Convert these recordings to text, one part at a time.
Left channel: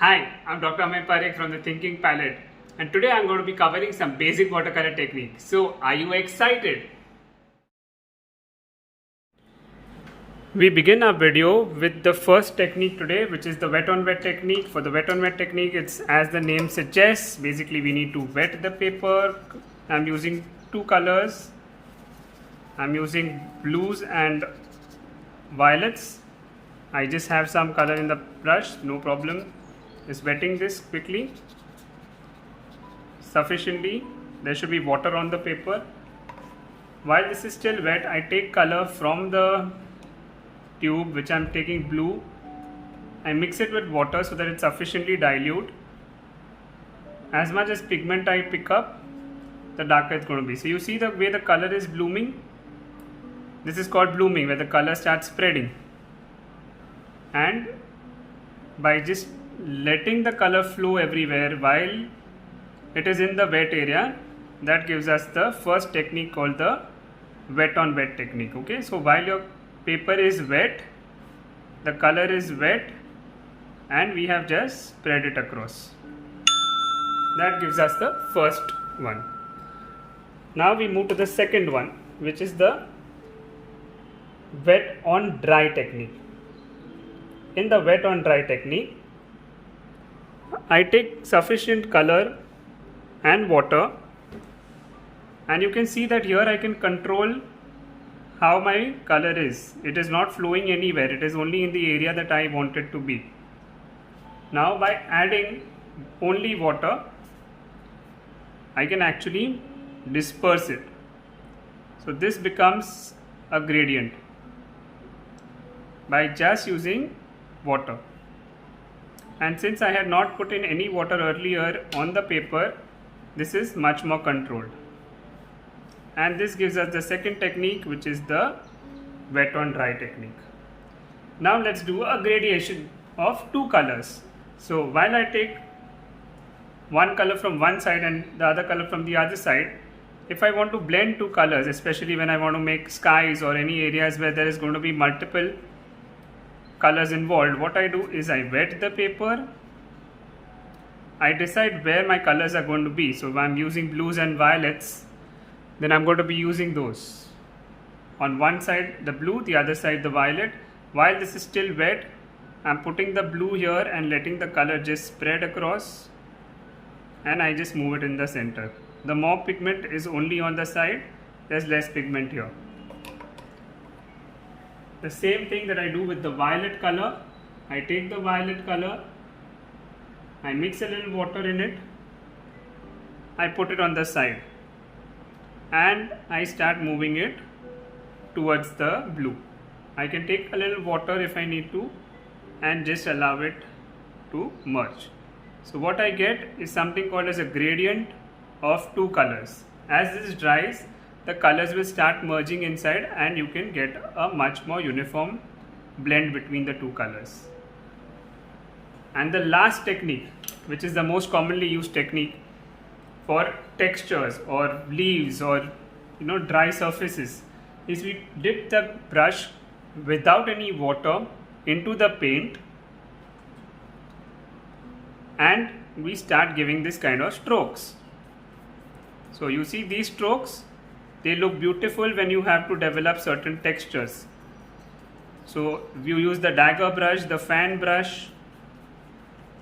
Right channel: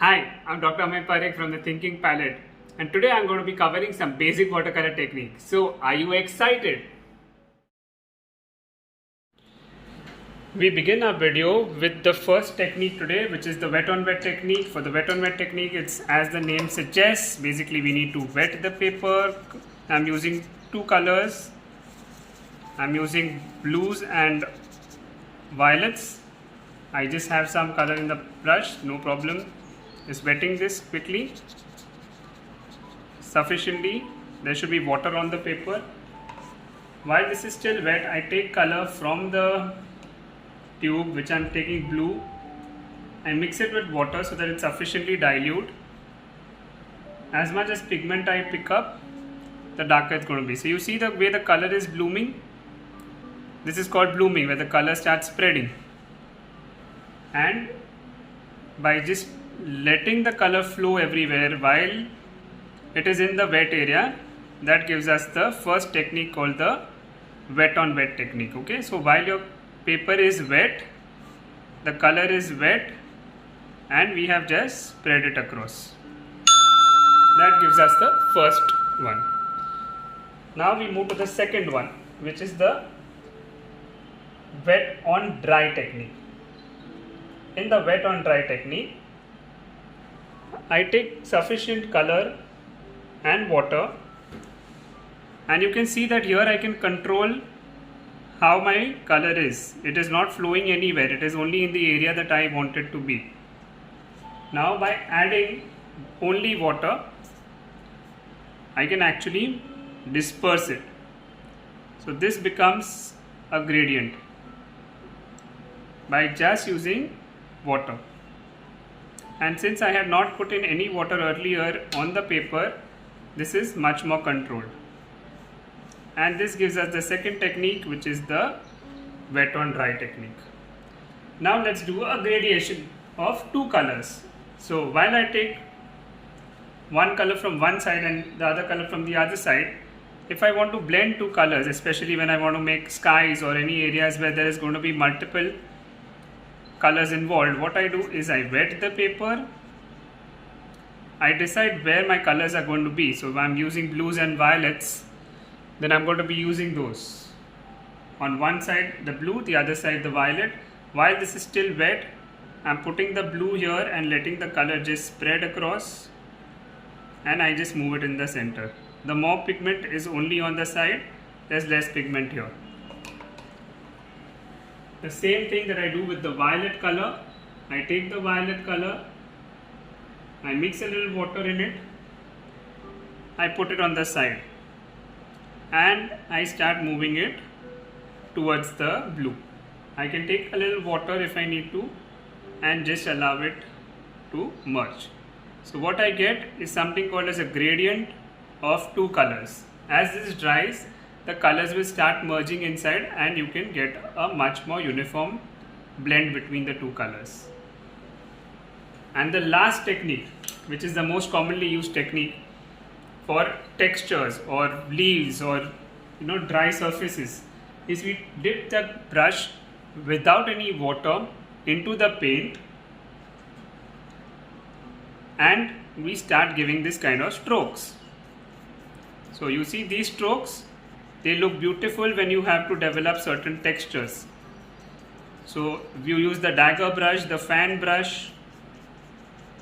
Hi, I'm Dr. Amay Parekh from the Thinking Palette, and today I'm going to be covering some basic watercolor techniques. So, are you excited? We begin our video with the first technique today, which is the wet on wet technique. For the wet on wet technique, it's as the name suggests, basically we need to wet the paper. I'm using two colors. I'm using blues and violets. I just have some color in the brush, no problem. Just wetting this quickly, sufficiently. There should be water on the paper. While this is still wet, I take color from the tube, which I'm taking blue. I mix it with water so that it's sufficiently dilute. As much as pigment I pick up, the darker it's going to be. So you see the way the color is blooming? This is called blooming, where the color starts spreading. And by just letting the color flow everywhere while it is in the wet area, that gives us the first technique called the wet on wet technique. Okay, so while your paper is wet, the color is wet, and we have just spread it across. That gives us the first one. Now we move to the second one, which is the wet on dry technique. In the wet on dry technique, I take sufficient color and water, and you can see that here I can control how my color is. It is not flowing anywhere, it is only in the area that I want it to be. Now by adding only water, I can actually disperse it. So this becomes a gradient by just using water. And since I had not put in any water earlier on the paper, this is much more controlled. And this gives us the second technique, which is the wet on dry technique. Now let's do a gradation of two colors. So while I take one color from one side and the other color from the other side, if I want to blend two colors, especially when I want to make skies or any areas where there is going to be multiple colors involved, what I do is I wet the paper. I decide where my colors are going to be. So if I'm using blues and violets, then I'm going to be using those. On one side the blue, the other side the violet. While this is still wet, I'm putting the blue here and letting the color just spread across, and I just move it in the center. The more pigment is only on the side, there's less pigment here. The same thing that I do with the violet color. I take the violet color, I mix a little water in it, I put it on the side, and I start moving it towards the blue. I can take a little water if I need to and just allow it to merge. So what I get is something called as a gradient of two colors. As this dries, the colors will start merging inside, and you can get a much more uniform blend between the two colors. And the last technique, which is the most commonly used technique for textures or leaves or dry surfaces, is we dip the brush without any water into the paint, and we start giving this kind of strokes. So you see these strokes, they look beautiful when you have to develop certain textures. So you use the dagger brush, the fan brush,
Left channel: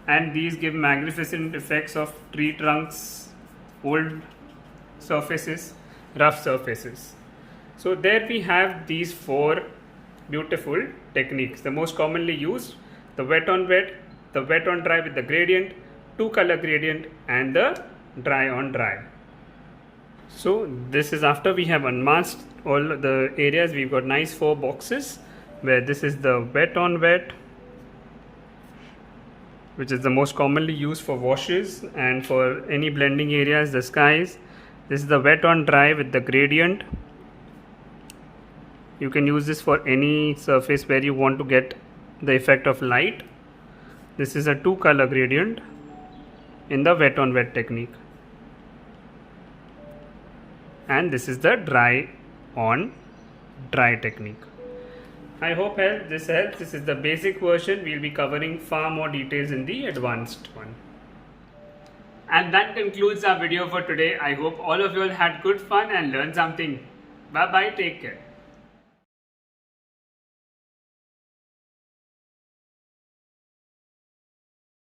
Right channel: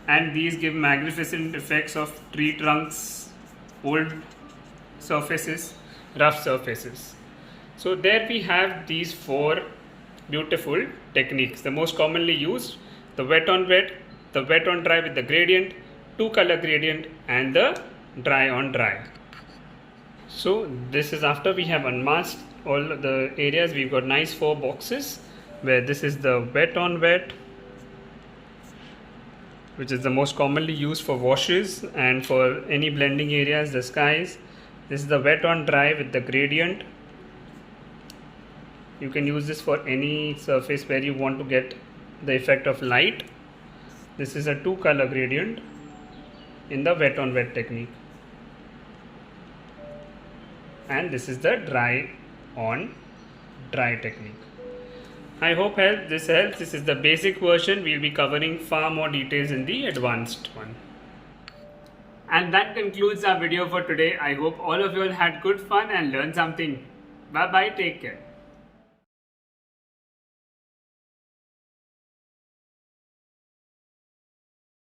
and these give magnificent effects of tree trunks, old surfaces, rough surfaces. So there we have these four beautiful techniques. The most commonly used, the wet on wet, the wet on dry with the gradient, two color gradient, and the dry on dry. So this is after we have unmasked all the areas. We've got nice four boxes where this is the wet on wet, which is the most commonly used for washes and for any blending areas, the skies. This is the wet on dry with the gradient. You can use this for any surface where you want to get the effect of light. This is a two color gradient in the wet on wet technique. And this is the dry on dry technique. I hope this helps. This is the basic version. We'll be covering far more details in the advanced one. And that concludes our video for today. I hope all of you all had good fun and learned something. Bye bye, take care.